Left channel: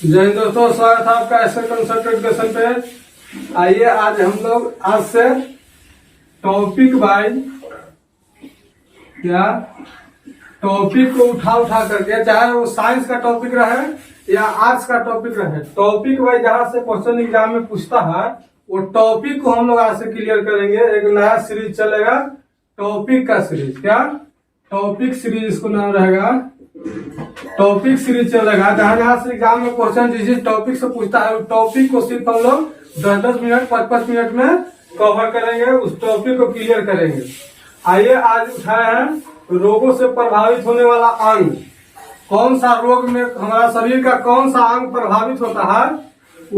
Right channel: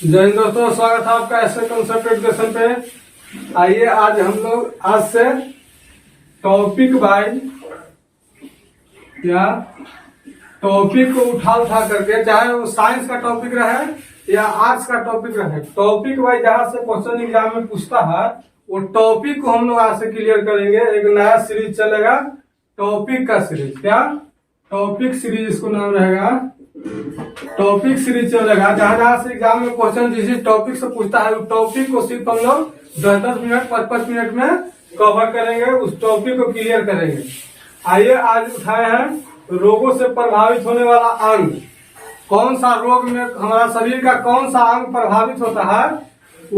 जय हिंद दोस्तों, स्वागत है आपका ऐसे कंसेप्ट एजुकेशन पे। आइए आज हम लोग आज से टॉपिक बाय टॉपिक को उठा करके, चाहे वो साइंस का टॉपिक रहे या आर्ट्स का टॉपिक रहे, टॉपिक वाइज जहाँ से क्वेश्चन एग्जाम में पूछता है वो टॉपिक को हम लोग आज से क्लियर करेंगे। एक नया सीरीज चलेगा टॉपिक का सीरीज। क्या टॉपिक सीरीज, इसको नाम रहेगा टॉपिक सीरीज चलेगा। जहां जहां से एग्जाम में क्वेश्चन जिस टॉपिक से पूछता है उस टॉपिक को सिर्फ हम लोग 10-10 मिनट 5-5 मिनट में कवर करेंगे, उस टॉपिक को क्लियर करेंगे। आइए आज उठाए हैं रोगों से प्रभावित होने वाला अंग। कौन सा रोग में हमारा शरीर का कौन सा अंग प्रभावित होता है,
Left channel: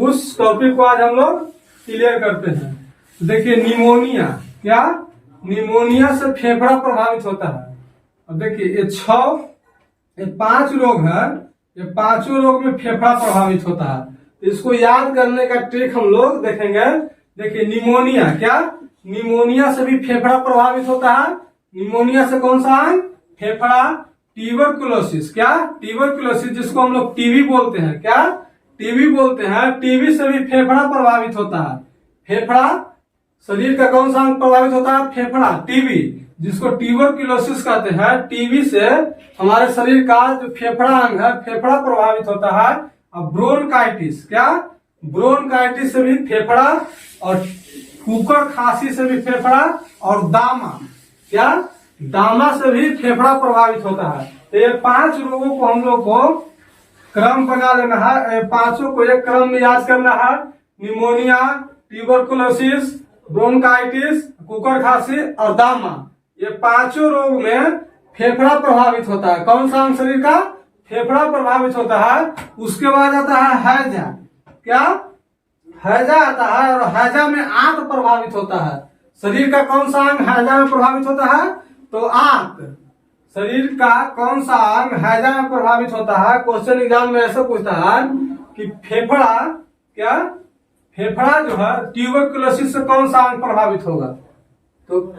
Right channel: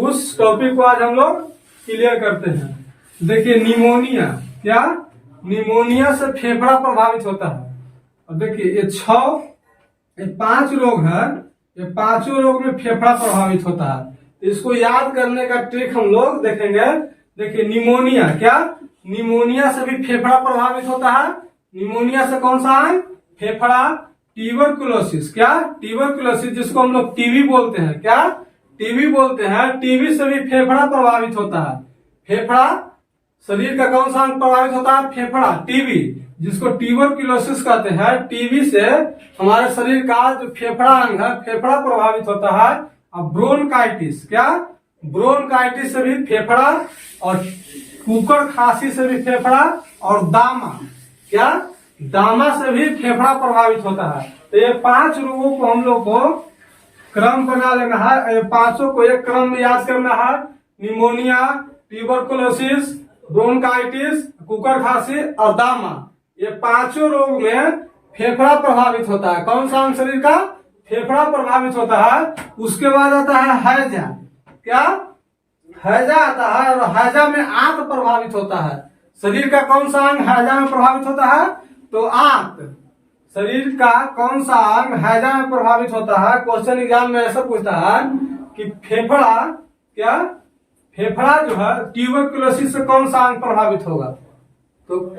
उस टॉपिक को आज हम लोग क्लियर करते हैं। देखिए निमोनिया, क्या निमोनिया से फेफड़ा प्रभावित होता है। अब देखिए ये 5 रोग है, ये 5 रोग में फेफड़ा प्रभावित होता है। तो इसको याद करने का ट्रिक हम लोग देखेंगे। देखिए निमोनिया, क्या निमोनिया से भी फेफड़ा प्रभावित होता है। निमोनिया से कौन सा अंग? फेफड़ा। ट्यूबरकुलोसिस, क्या ट्यूबरकुलोसिस जिसको हम लोग टीबी बोलते हैं, क्या टीबी बोलते हैं, टीबी से भी फेफड़ा प्रभावित होता है। फेफड़ा शरीर का कौन सा अंग प्रभावित होता है? फेफड़ा। टीबी जिसको ट्यूबरकुलोसिस कहते हैं, टीबी से हमारे शरीर का जो फेफड़ा अंग है फेफड़ा प्रभावित होता है। अब ब्रोनकाइटिस, क्या ब्रोनकाइटिस से भी फेफड़ा, और कुकर खांसी से भी फेफड़ा, और दामा, क्या दामा से भी फेफड़ा प्रभावित होता है। तो ये 5 रोगों को हम लोग को क्रम बना लेना है, 5 को एक क्रम में याद करना है। निमोनिया, ट्यूबरकुलोसिस, ब्रोनकाइटिस, कुकर खांसी और दामा, ये 5 रोग में फेफड़ा प्रभावित होता है। कौन सा अंग शरीर का? फेफड़ा प्रभावित होता है। उसके बाद आता है हैजा, क्या हैजा आता है, और हैजा में आंत प्रभावित होता है। शरीर का कौन सा अंग हैजा में प्रभावित होता है? तो आंत। शरीर का कौन सा अंग हैजा में प्रभावित होता है? क्वेश्चन एग्जाम में ऐसा पूछता है कि फेफड़ा, क्या फेफड़ा जो है ट्यूबरकुलोसिस से कौन सा अंग प्रभावित होगा? तो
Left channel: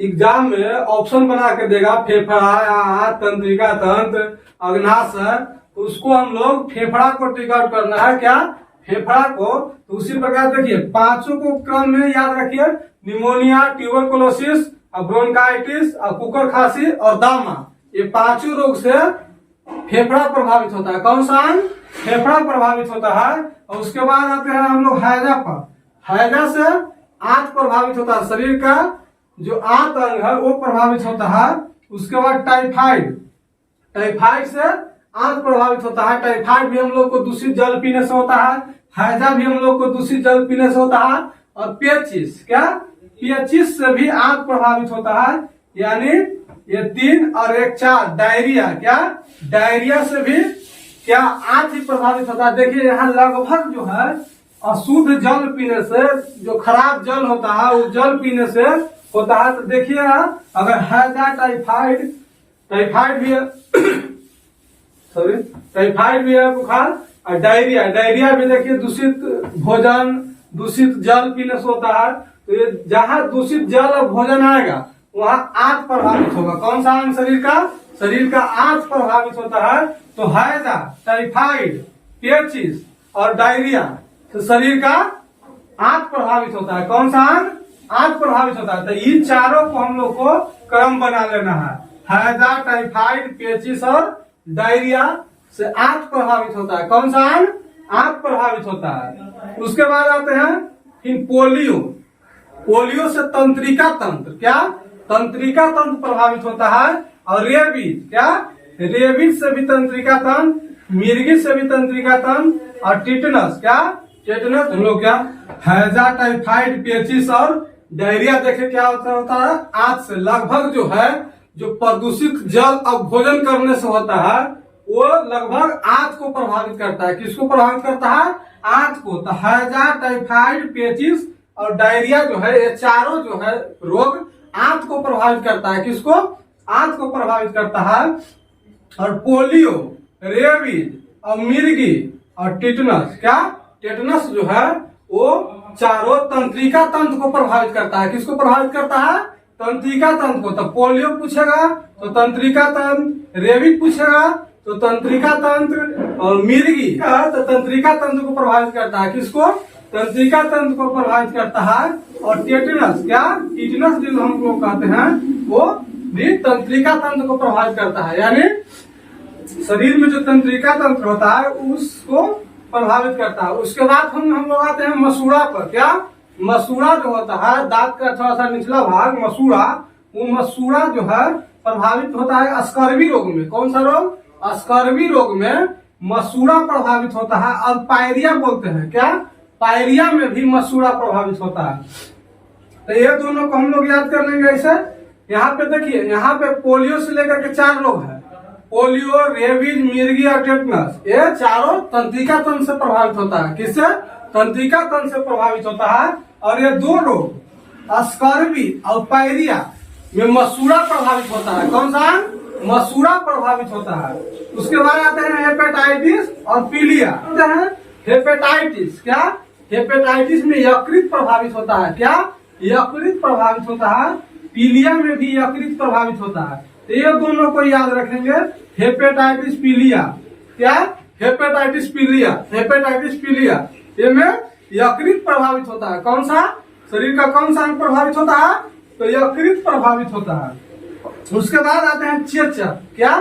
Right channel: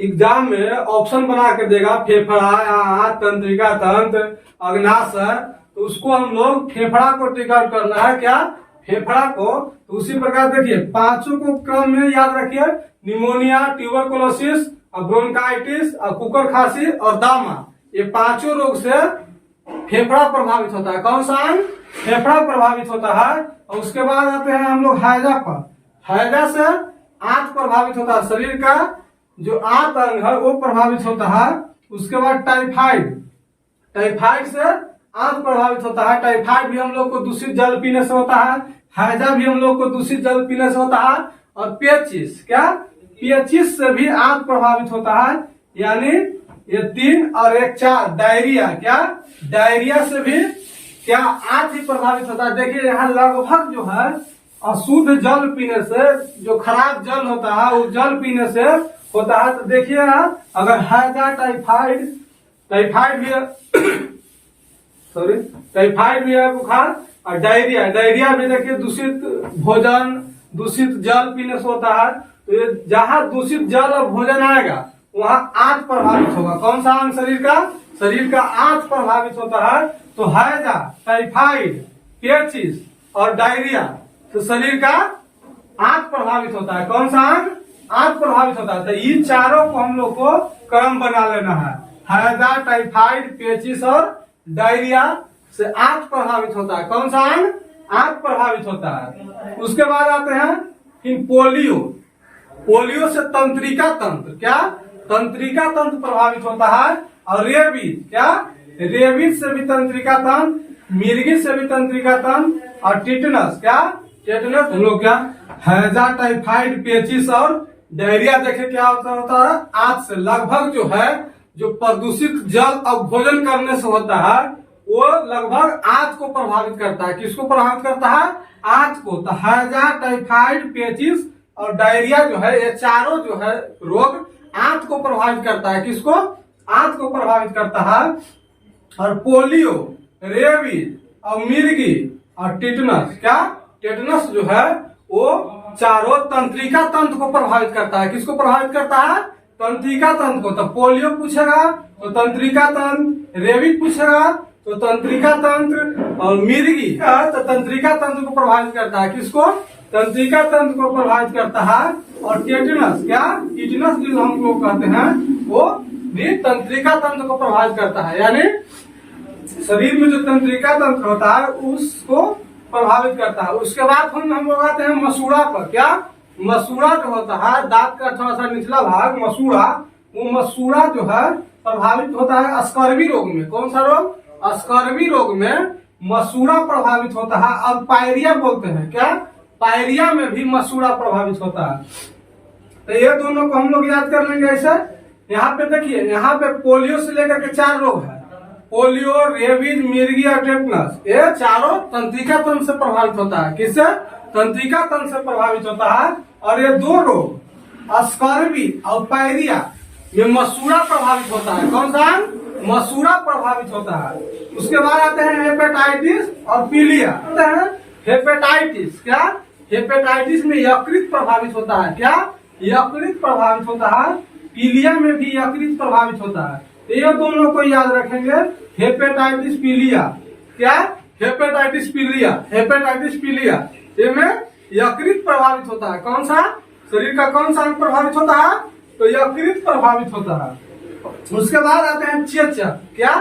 एग्जाम में ऑप्शन बना के देगा फेफड़ा, तंत्रिका तंत्र, अग्नाशय, तो उसको हम लोग फेफड़ा को टिक आउट करना है। क्या फेफड़ा को। तो उसी प्रकार देखिए 5 को क्रम में याद रखिए। निमोनिया, ट्यूबरकुलोसिस, ब्रोनकाइटिस, कुकर खांसी और दामा, ये 5 रोग से फेफड़ा प्रभावित होता है। कौन सा अंग? फेफड़ा प्रभावित होता है। और उसके बाद आते हैं हम लोग हैजा पर। हैजा से आंत प्रभावित होता है। शरीर का जो आंत अंग है वो प्रभावित होता है। उसके बाद टाइफाइड, टाइफाइड से आंत प्रभावित होता है। टाइफाइड भी हम लोग को दूषित जल पीने से होता है। हैजा भी हम लोग को दूषित जल पीने से होता है। और पेचिस, क्या पेचिस से भी आंत प्रभावित होता है। यानी ये 3 और 1 4 डायरिया, क्या डायरिया से भी क्या आंत ही प्रभावित होता है। देखिए यहाँ लगभग जो है अशुद्ध जल पीने से, जो खराब जल होता है उस जल पीने से होता है। तो देखिए अगर हैजा, टाइफाइड भी है टाइफाइड भी है, बुखार, और डायरिया भी देखिए दूषित भोजन, दूषित जल पीने से होता है। तो ये जहाँ दूषित जल और भोजन आएगा वहाँ आंत प्रभावित होगा। कौन सा अंग शरीर का? शरीर का आंत प्रभावित होता है। तो हैजा, टाइफाइड, पेचिस और डायरिया, तो शरीर का आंत प्रभावित होता है। कौन सा अंग? आंत प्रभावित होता है। तो इन 4 को हम लोग को क्रम बना लेना है। हैजा, टाइफाइड, पेचिस और डायरिया से आंत प्रभावित होता है। कौन सा अंग? आंत प्रभावित होता है। उसके बाद आते हैं फिर पोलियो। पोलियो से तंत्रिका तंत्र, क्या तंत्रिका तंत्र प्रभावित होता है। और रेबीज, क्या रेबीज से भी तंत्रिका तंत्र, मिर्गी से भी तंत्रिका तंत्र, और टिटनस, क्या टिटनस। हम लोग क्या हैजा, टाइफाइड, पेचिस और डायरिया देखे क्या होता है? आंत से। लगभग जो है जो प्रदूषित जल और भोजन करने से होता है वो लगभग आंत को प्रभावित करता है। किसको प्रभावित करता है? आंत को। तो हैजा, टाइफाइड, पेचिस और डायरिया जो है ये 4 जो है रोग आंत को प्रभावित करता है। किसको? आंत को प्रभावित करता है। और पोलियो, रेबीज और मिर्गी और टिटनस, क्या टिटनस जो है वो 4 तंत्रिका तंत्र को प्रभावित करता है। किसको प्रभावित करता है? तंत्रिका तंत्र को। तो पोलियो पूछेगा तो तंत्रिका तंत्र, रेबीज पूछेगा तो तंत्रिका तंत्र और मिर्गी तो तंत्रिका तंत्र को प्रभावित करता है। किसको? तंत्रिका तंत्र को प्रभावित करता है। और टेटनस, क्या टिटनस जो हम लोग कहते हैं, वो भी तंत्रिका तंत्र को प्रभावित करता है। यानी शरीर में जो तंत्रिका तंत्र होता है उसको प्रभावित करता है। उसके बाद हम लोग आते हैं मसूड़ा पर। क्या? मसूड़ा जो होता है, दांत का थोड़ा सा निचला भाग मसूड़ा, वो मसूड़ा जो है प्रभावित होता है स्कर्वी रोग में। कौन सा रोग? स्कर्वी रोग में मसूड़ा प्रभावित होता है। और पायरिया बोलते हैं। क्या? पायरिया में भी मसूड़ा प्रभावित होता है। तो ये दोनों को हम लोग याद कर लेंगे ऐसे। यहाँ पे देखिए, यहाँ पे पोलियो से लेकर के 4 रोग है। पोलियो, रेबीज, मिर्गी और टेटनस, ये चारों तंत्रिका तंत्र से प्रभावित होता है। किससे? तंत्रिका तंत्र से प्रभावित होता है। और ये 2 रोग स्कर्वी और पायरिया में मसूड़ा प्रभावित होता है। कौन सा? मसूड़ा प्रभावित होता है। उसके बाद आते हैं हेपेटाइटिस और पीलिया। आते हैं हेपेटाइटिस। क्या? हेपेटाइटिस में यकृत प्रभावित होता है। क्या? यकृत प्रभावित होता है। पीलिया में भी यकृत प्रभावित होता है। तो ये दोनों को याद रखेंगे, हेपेटाइटिस पीलिया। क्या? हेपेटाइटिस पीलिया, हेपेटाइटिस पीलिया, ये में यकृत प्रभावित होता है। कौन सा? शरीर का कौन सा अंग प्रभावित होता है? तो यकृत प्रभावित होता है। उसके बाद आते हैं चेचक। क्या?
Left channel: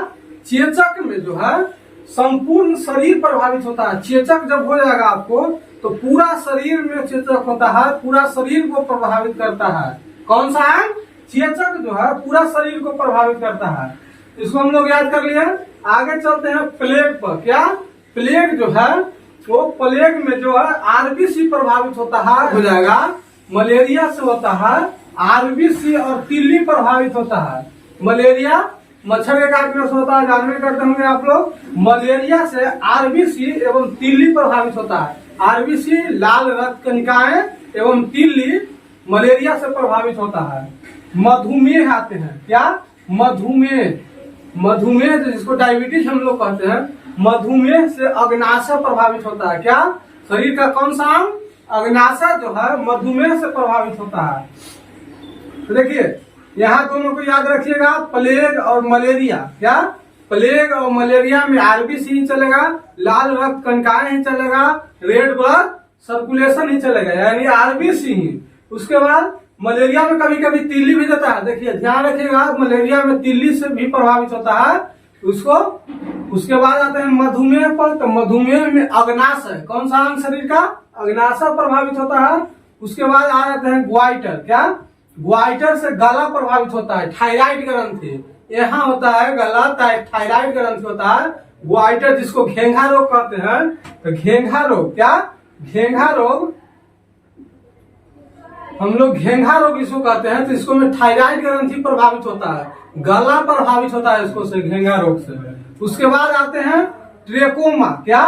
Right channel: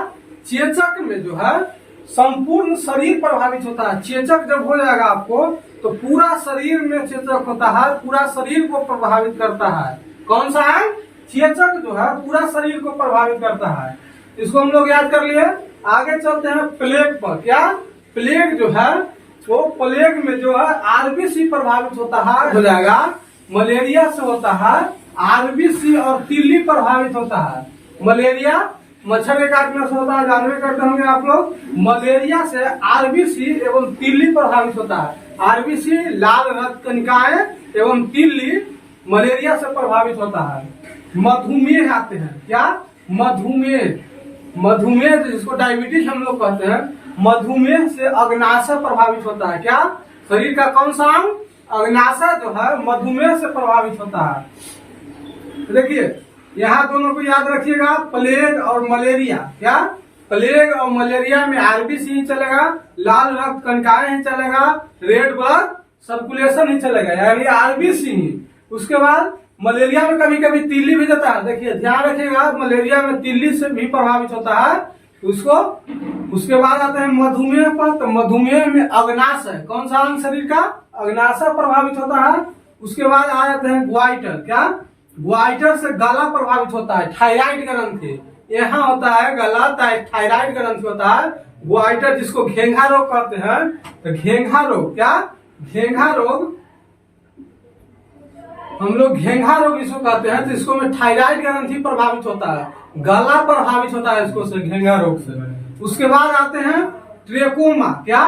चेचक में जो है संपूर्ण शरीर प्रभावित होता है। चेचक जब हो जाएगा आपको तो पूरा शरीर में चेचक होता है, पूरा शरीर को प्रभावित करता है। कौन सा है? चेचक जो है पूरा शरीर को प्रभावित करता है। इसको हम लोग याद कर लिए। आगे चलते हैं प्लेग पर। क्या? प्लेग जो है वो प्लेग में जो है आरबीसी प्रभावित होता है, हो जाएगा। मलेरिया से होता है आरबीसी और तिल्ली प्रभावित होता है। मलेरिया मच्छर के काटने से होता है, जानवे करते होंगे आप लोग। मलेरिया से आरबीसी एवं तिल्ली प्रभावित होता है। आरबीसी लाल रक्त कणिकाएं एवं तिल्ली मलेरिया से प्रभावित होता है। मधुमेह आते हैं। क्या? मधुमेह, मधुमेह जिसको डायबिटीज हम लोग कहते हैं, मधुमेह से अग्नाशय प्रभावित होता है। क्या? शरीर का कौन सा अंग? अग्नाशय जो है मधुमेह से प्रभावित होता है। तो देखिए यहाँ दोनों को याद रखिएगा, प्लेग और मलेरिया। क्या? प्लेग और मलेरिया में आरबीसी ही चलेगा, लाल रक्त कणिकाएं ही चलेगा, रेड ब्लड सर्कुलेशन ही चलेगा, यानी आरबीसी ही। उसके बाद मलेरिया में कभी कभी तिल्ली भी जाता है। देखिए ध्यान रखिएगा, मलेरिया में तिल्ली से भी प्रभावित होता है उसको। उसके बाद आते हैं मधुमेह पर। तो मधुमेह में अग्नाशय, कौन सा अंग शरीर का? अग्नाशय प्रभावित होता है। उसके बाद आ जाते हैं ग्वाइटर। क्या? ग्वाइटर से गला प्रभावित होता है। थायराइड ग्रंथि यहाँ होता है, गला थायराइड ग्रंथि होता है। ग्वाइटर जिसको घेंघा रोग कहते हैं। तो घेंघा रोग, क्या? घेंघा रोग हम लोग घेंघा रोग इसको कहते हैं। तो इसको में थायराइड ग्रंथि प्रभावित होता है, गला प्रभावित होता है इसको से, घेंघा रोग से। उसके बाद आते हैं ट्रेकोमा। क्या?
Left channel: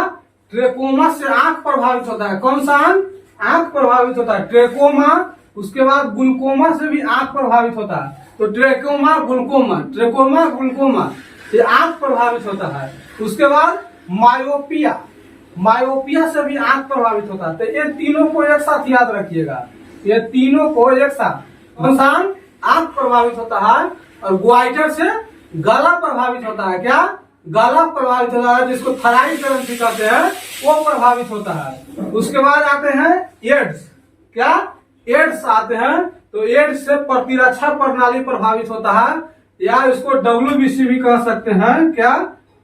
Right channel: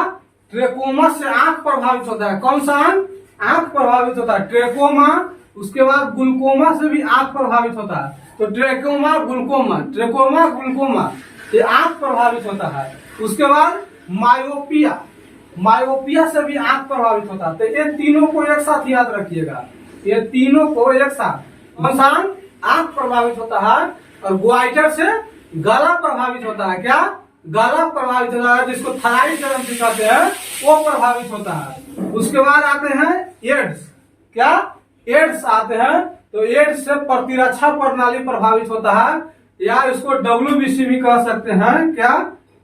ट्रेकोमा से आंख प्रभावित होता है। कौन सा अंग? आंख प्रभावित होता है, ट्रेकोमा। उसके बाद ग्लूकोमा से भी आंख प्रभावित होता है। तो ट्रेकोमा, ग्लूकोमा, ट्रेकोमा, ग्लूकोमा, ये आंख प्रभावित होता है। उसके बाद मायोपिया, मायोपिया से भी आंख प्रभावित होता है। तो ये तीनों को एक साथ याद रखिएगा, ये तीनों को एक साथ। कौन सा? आंख प्रभावित होता है। और ग्वाइटर से गला प्रभावित होता है। क्या? गला प्रभावित होता है, जिसको थायराइड ग्रंथि कहते हैं, वो प्रभावित होता है। उसके बाद आते हैं एड्स। क्या? एड्स आते हैं। तो एड्स से प्रतिरक्षा प्रणाली प्रभावित होता है, या इसको WBC भी कह सकते हैं। क्या?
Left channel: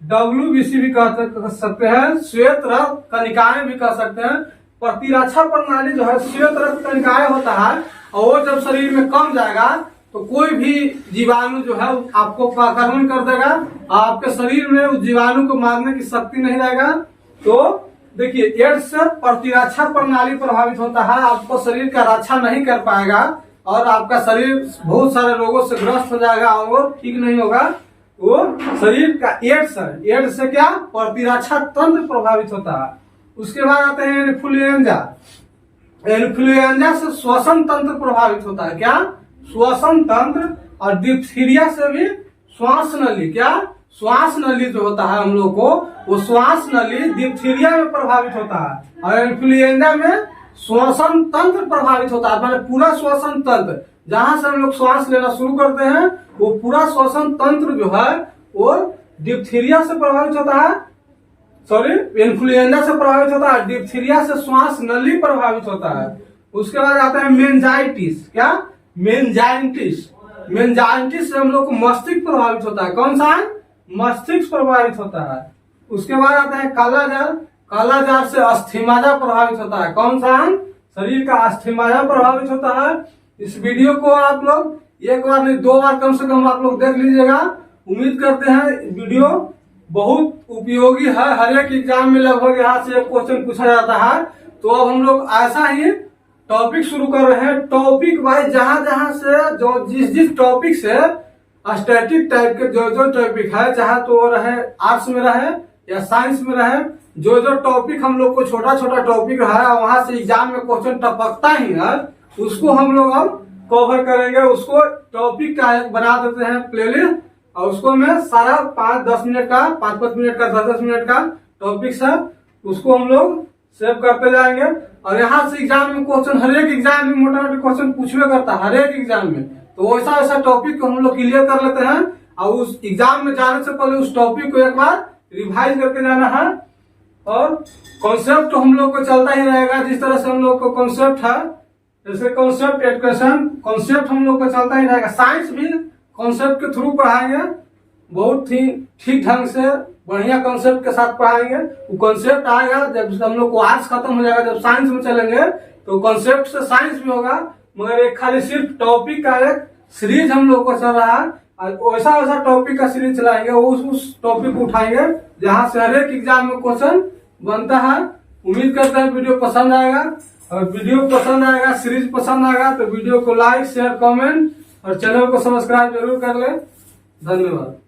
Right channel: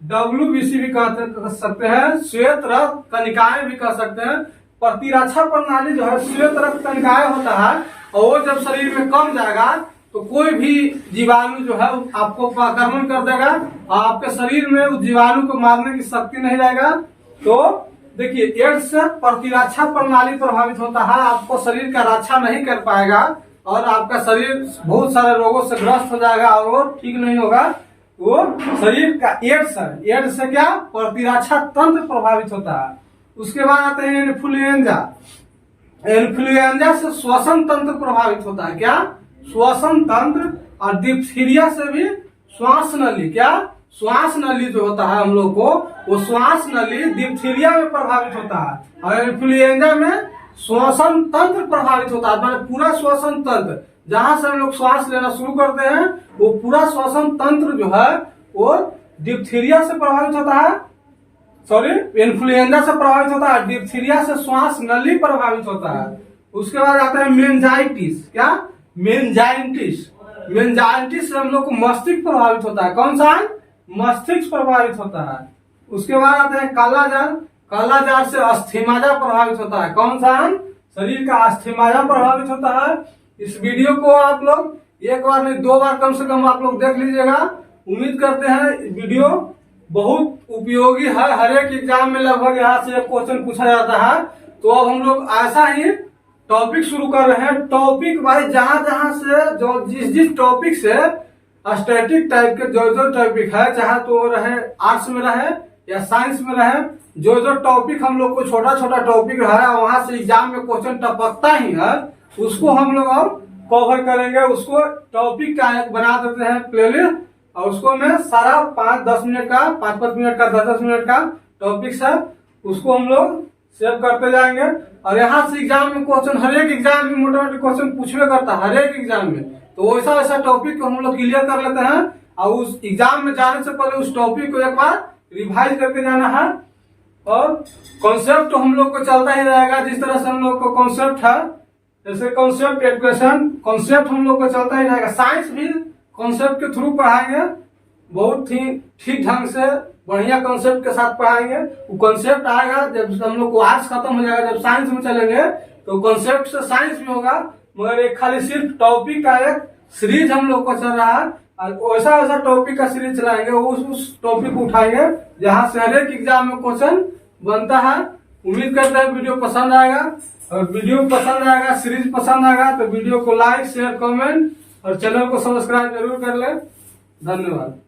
WBC भी कह सकते हैं, श्वेत रक्त कणिकाएं भी कह सकते हैं। प्रतिरक्षा प्रणाली जो है श्वेत रक्त कणिकाएं होता है, और वो जब शरीर में कम जाएगा तो कोई भी जीवाणु जो है आपको आक्रमण कर देगा, आपके शरीर में उस जीवाणु को मारने की शक्ति नहीं रहेगा। तो देखिए एड्स से प्रतिरक्षा प्रणाली प्रभावित होता है, आपको शरीर का रक्षा नहीं कर पाएगा और आपका शरीर बहुत सारे रोगों से ग्रस्त हो जाएगा और वो ठीक नहीं होगा। वो शरीर का एड्स है, एड्स से क्या? प्रतिरक्षा तंत्र प्रभावित होता है। उसके बाद आते हैं इन्फ्लुएंजा। इन्फ्लुएंजा से श्वसन तंत्र प्रभावित होता है। क्या? श्वसन तंत्र। और डिप्थीरिया से भी श्वास नली। क्या? श्वास नली जो होता है हम लोग को, वो श्वास नली डिप्थीरिया में प्रभावित होता है। और इन्फ्लुएंजा में श्वसन तंत्र प्रभावित होता है, मतलब पूरा श्वसन तंत्र, जहां से हम लोग श्वास लेना शुरू करते हैं वो पूरा श्वसन तंत्र जो है वो डिप्थीरिया से प्रभावित होता है, सॉरी इन्फ्लुएंजा से प्रभावित होता है, डिप्थीरिया से श्वास नली प्रभावित होता है। उसके बाद आता है मेनिंजाइटिस। क्या? मेनिंजाइटिस। मेनिंजाइटिस से हम लोग को मस्तिष्क प्रभावित होता है। कौन सा? मस्तिष्क प्रभावित होता है। उसके बाद आता है कालाजार। कालाजार से अस्थिमज्जा प्रभावित होता है। कौन सा? शरीर का अस्थिमज्जा प्रभावित होता है। इस वीडियो को आप लोग एक बार नहीं 2 बार कम से कम आप लोग देख लीजिएगा। उम्मीद करते हैं वीडियो बहुत उपयोगी है। हर एक एग्जाम में लगभग यहाँ से एक क्वेश्चन पूछा जाता है। तो अब हम लोग ऐसा ही टॉपिक शुरू कर रहे हैं। टॉपिक वाइज जहां जहां से जो जिस टॉपिक से स्टैटिक टाइप के जो टॉपिक है, चाहे तो वो रहे आर्ट्स में रहे या साइंस में रहे, जो टॉपिक हम लोग को छोटा छोटा टॉपिक है वहां से एग्जाम में क्वेश्चन टपकता ही है, उसको हम लोग अब कवर करेंगे। उसको टॉपिक का बना देते हैं प्लेलिस्ट, और उसको मैं सारा 5-10 मिनट का, 5-5 मिनट का, 10-10 मिनट का टॉपिक सब उसको हम लोग सेव करते जाएंगे। और यहाँ से एग्जाम में क्वेश्चन, हर एक एग्जाम में मोटा मोटी क्वेश्चन पूछवे करता है हर एक एग्जाम में। तो वैसा वैसा टॉपिक को हम लोग क्लियर कर लेते हैं, और उस एग्जाम में जाने से पहले उस टॉपिक को एक बार रिवाइज करके जाना है। और कॉन्सेप्ट तो हम लोग को चलता ही रहेगा। जिस तरह से हम लोग को कॉन्सेप्ट है, जैसे कॉन्सेप्ट एजुकेशन, कॉन्सेप्ट हम लोग को चलता ही रहेगा। साइंस भी कॉन्सेप्ट के थ्रू पढ़ाएंगे, बहुत ही ठीक ढंग से बढ़िया कॉन्सेप्ट के साथ पढ़ाएंगे। वो कॉन्सेप्ट आएगा जब हम लोग को आर्ट्स खत्म हो जाएगा, जब साइंस में चलेंगे तो कॉन्सेप्ट से साइंस भी होगा। मगर एक खाली सिर्फ टॉपिक का एक सीरीज हम लोग को चल रहा है, और वैसा वैसा टॉपिक का सीरीज चलाएंगे। उस टॉपिक को उठाएंगे जहां से हर एक एग्जाम में क्वेश्चन बनता है। उम्मीद करते हैं वीडियो पसंद आएगा, और वीडियो पसंद आएगा, सीरीज पसंद आएगा तो वीडियो को लाइक, शेयर, कमेंट और चैनल को सब्सक्राइब जरूर कर ले। धन्यवाद।